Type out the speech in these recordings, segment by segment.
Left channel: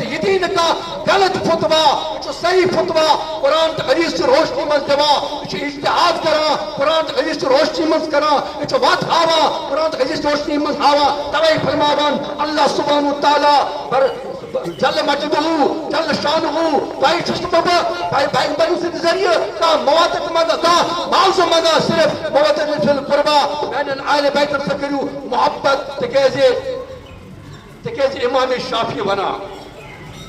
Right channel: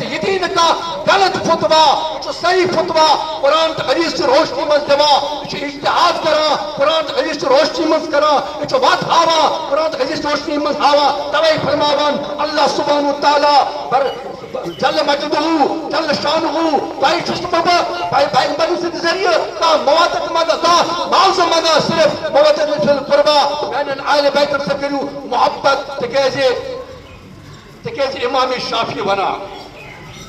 یتین کا غلط فتوا صحیح فتوا قرآن تو حدیث کی روشنی من دوا اجتہاد کرا قرآن تو حدیث کی روشنی من کرا یہ وت ہاوا قرآن تو حدیث کی روشنی من ہاوا توے فرماوان اللہ سبحانہ و تعالی جل مجدہ جل شانہ بھائی بابا بھائی پیغمبر سے ذریعے کا موافقت مانگا کا معاوضہ مانگا صرف موافقت فی القربہ بین اہل بیت سے کرو محبت تکیز امام شافعی بنا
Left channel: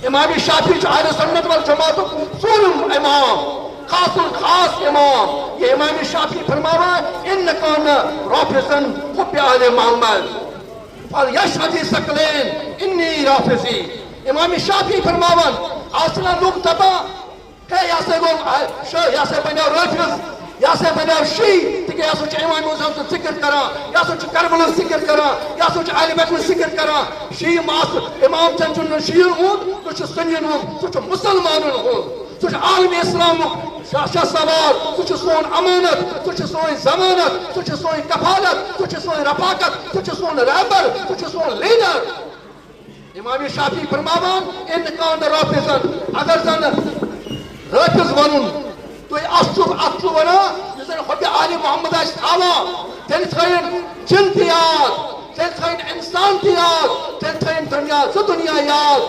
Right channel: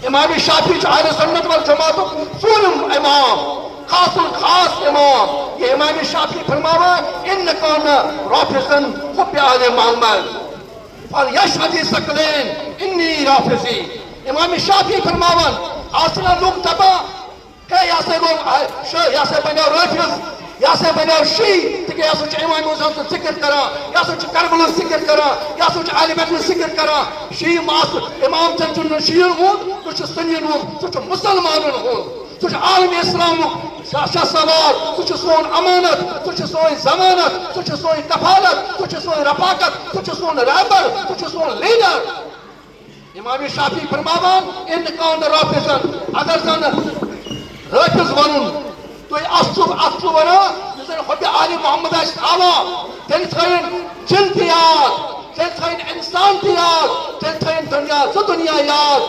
امام شافعی جو اہل سنت والجماعت سولم امام خاص الخاص امام یہ امام شافعی فرماوا ان کون رافضن حب اہل محمد فلیشهد ثقلین انی رافضی امام شافعی فرماوان اصلا لوگ تبا کہ یا سے بنیو رافض یا سے بنیو شیعہ کہ یا سوچ امام حسین تو ذکر کرا یا سوچ کربلا ذکر کرا یا سوچ اہل بیت ذکر کرا شیعہ ماس امام چنچن شیعہ ہوں کچھ سنین ہوں کچھ مسلمان ہوں کچھ عالم اسلام شاہ سوار کچھ سون امانت کچھ سون ضمانت کچھ سون کفالت کچھ سون رفاقت کچھ سون رہبر کچھ سون لیڈر امام شافعی فرماوان ان کان رافضن اگر زن رافض ونن تو اصل ونا جسن حب آل محمد آش آوا تن تھین جن تھی یاد تن تھین انسان تھی یاد تن تھین دنیا سے دنیا یاد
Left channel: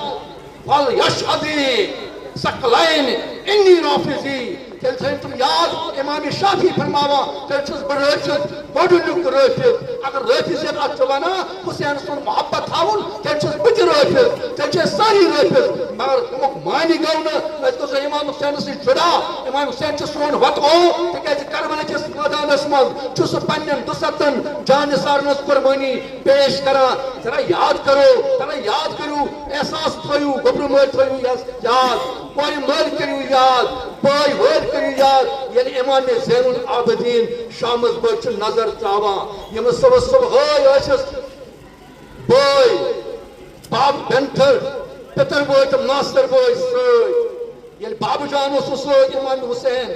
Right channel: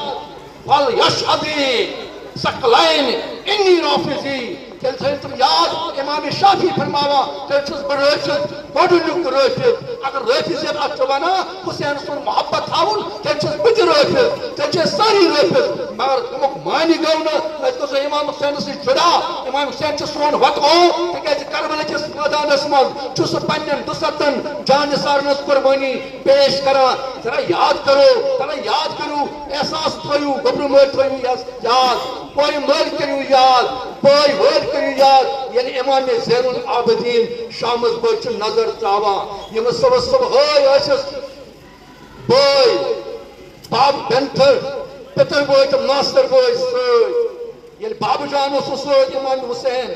فلیشهد ثقلین انی رافضی تن تھین تم یاد امام شافعی فرماوا تن چھس برافض بڑھنک رافض اگر رافض ات ونا حسین سن محبت تھاون تن چھس بج رافض تن چھس ساری رافض مگر تمک مانی گو نا تو امام حسین سے جدا امام حسین چھ سون وطو تکیاز کربلا کس میدانس مز چھس پنن دستن جان سارنس قربانی پیش کرا ذرا یاد کرو احساس تھیو گبر مر تھیو یاد کوئی مر کرو یاد بھائی ور کرو یاد یعنی امام زین العابدین شامس بچ نظر چاوا یم صبح ٲسس بھائی باب بنٹر پتر بھائی تم ناصر بھائی سۭتۍ ییٚلہِ بابا جان اوس سۭتۍ امام حسین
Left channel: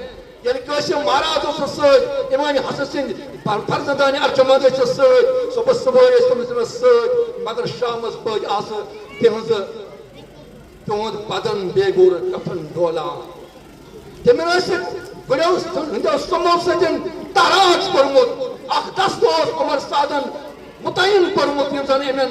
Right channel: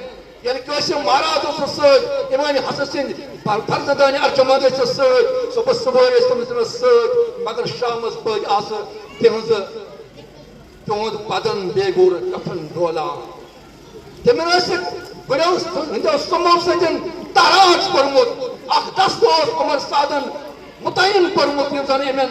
ییٚلہِ قاسم مہراز اوس سۭتۍ امام حسن سٕنٛدۍ فرزندان ارجمند ٲسۍ سۭتۍ صبح ٲسۍ تٔمِس سۭتۍ مگر شامس پٲٹھۍ آسہٕ تِہُنٛد بدن بیٚیہِ گوٚر کفن ڈولان تِمن ٲسِکھ گُرٮ۪و ہٕنٛدیو سُمو سۭتۍ تراج کوٚرمُت اکھ دستہٕ اوس عمر سعدن متعین کوٚرمُت یِم زن یِمن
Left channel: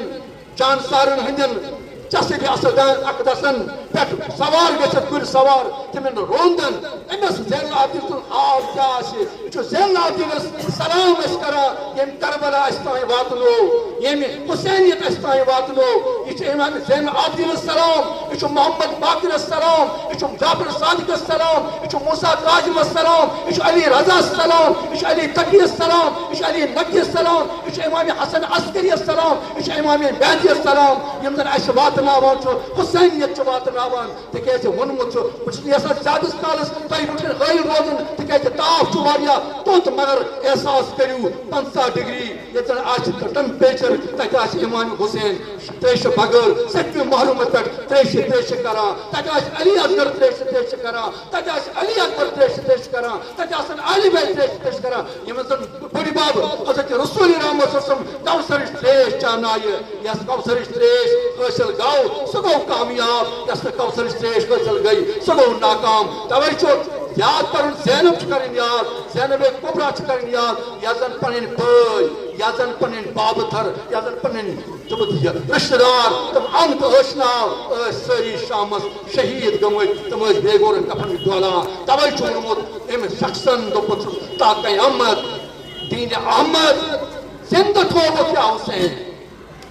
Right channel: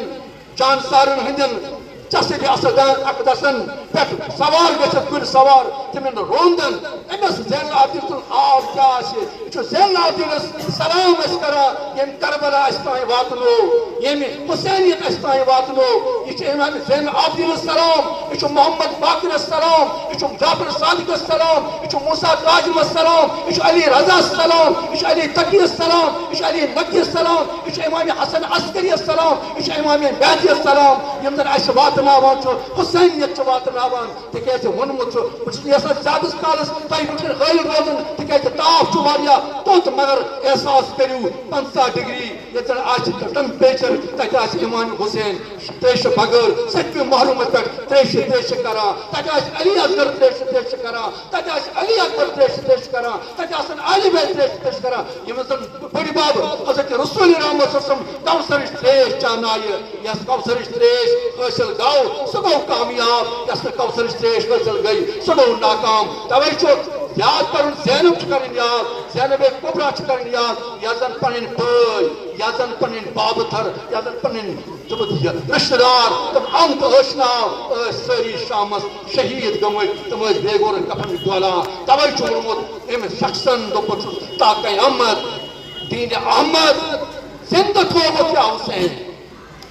جانسارن ہٕنٛدٮ۪ن چسب اسدان اقدسن پہ سوار گھت گل سوار تمن روندن امس زین العابدین سن آب کیا زین العابدین سلام کران یم کربلا تین واتنو یم حسینیت تین واتنو یہ امام زین العابدین السلام یہ محمد باقر السلام یہ جعفر صادق السلام یہ موسیٰ کاظم السلام یہ علی رضا السلام یہ علی تقی السلام یہ علی نقی السلام یہ امام حسن عسکری السلام یہ امام بیدی السلام یم زن اس واتناوان حسینیت واتناوان تکیاز ونمت بہت یژھان زیادہ کالس تہ وچھن حٲیل روزن تکیاز تاپھ واریاہ توٚت مگر احساس کٔرِو 50 ڈگری ییٚتہِ زن آسہِ ٹمپریچر تتہِ آسہِ امام حسین تریشہِ بغٲر سٔتمہِ محرمس پٮ۪ٹھ تریشہِ کران تتہِ آسہِ علی اصغر تریشہِ کران تتہِ آسہِ علی اکبر تریشہِ کران تتہِ آسن اہل بیت تریشہِ کران یِم زن بٔڑِ بب حضرت رسول رحمت صلی کوثرٕچ تریش چاونایہِ یس کوثرٕچ تریش حٲصل گو سہ گو کامیاب یس کوثرٕچ تریش حٲصل گئی سہ گو ناکام توے چھُ یاد کرن زینب کرن یاد زینب کبرا کرن یاد یا زن پنن بھائی یا زن پنن بابتھر یا زن پنن رشتہ دار تم انت ٲسناو سٲری شامس شہید گٔمٕتۍ تم ٲسۍ بے گورن کفن ڈولان توے چھُ ووٚنمُت أمۍ شخصن دوٚپُت تا قیامت دین احمد زندہ تھووُکھ یا حسین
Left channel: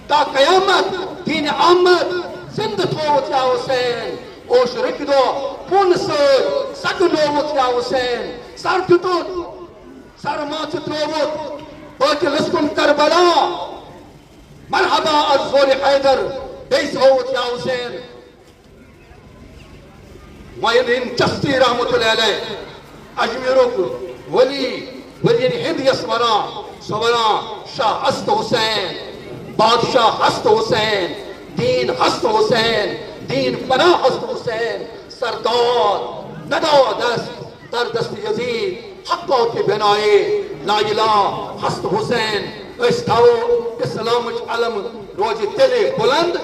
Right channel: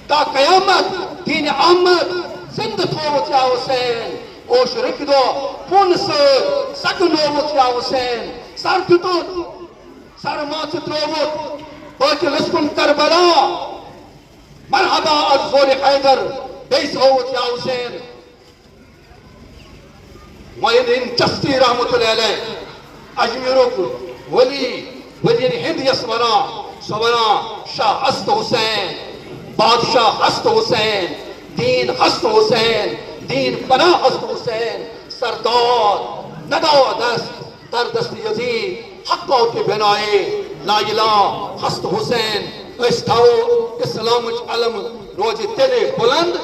تا قیامت دین احمد زندہ تھووُکھ یا حسین اوش رکھ دو پون سۭتۍ سگنووُکھ یا حسین سر دِتُکھ سر ماتھٕ ترٛووُکھ بٲتِلس کُن کربلا مرحبا از زور حیدر بیٚیہِ تھووُکھ یا حسین معین الدین چشتی رحمۃ اللہ علیہ اجمیرُک ولین ہند یس ونان سۄ ونان شاہ ہست حسین بادشاہ ہست حسین دین ہست حسین دین پناہ ہست حسین سردار نداو دست در دست یزید حقا کے بنائے لا الہ ہست حسین اس تھاو اسلامچ علم روزِ تیلے بلند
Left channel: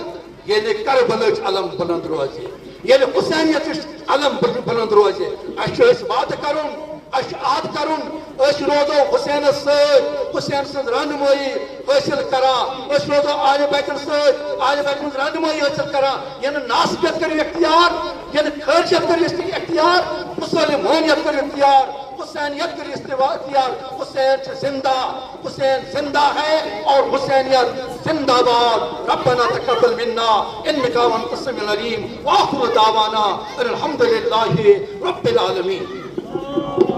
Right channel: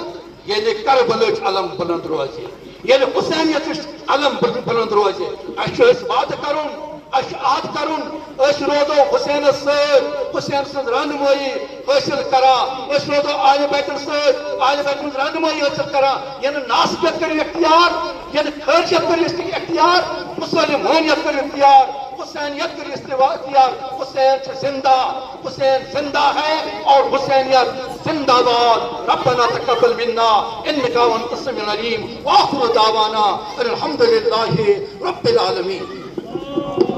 ییٚلہِ کربلٕچ علم بلند روزِ ییٚلہِ حسینیتٕچ علم بلند روزِ اَسہِ چھُ وعدٕ کرُن اَسہِ چھُ عہد کرُن أسۍ روزو حسینس سۭتۍ حسین سٕنٛز رہنمٲیی حٲصِل کران أسۍ روزو آلہِ بیتن سۭتۍ آلہِ بیتن ہٕنٛز رہنمٲیی حٲصِل کران ییٚلہِ ناسبیت کٔرِو اختیار ییٚلہِ خٲرشیت کٔرِو اختیار مسلمانیت کٔرِو اختیار حسینیت کٔرِو اختیار حسین چھُ زندہ حسین زندہ ہے اور حسینیت زندہ باد ربنا تقبل منا انك انت السميع العليم واخر دعوانا الحمد لله رب العالمين.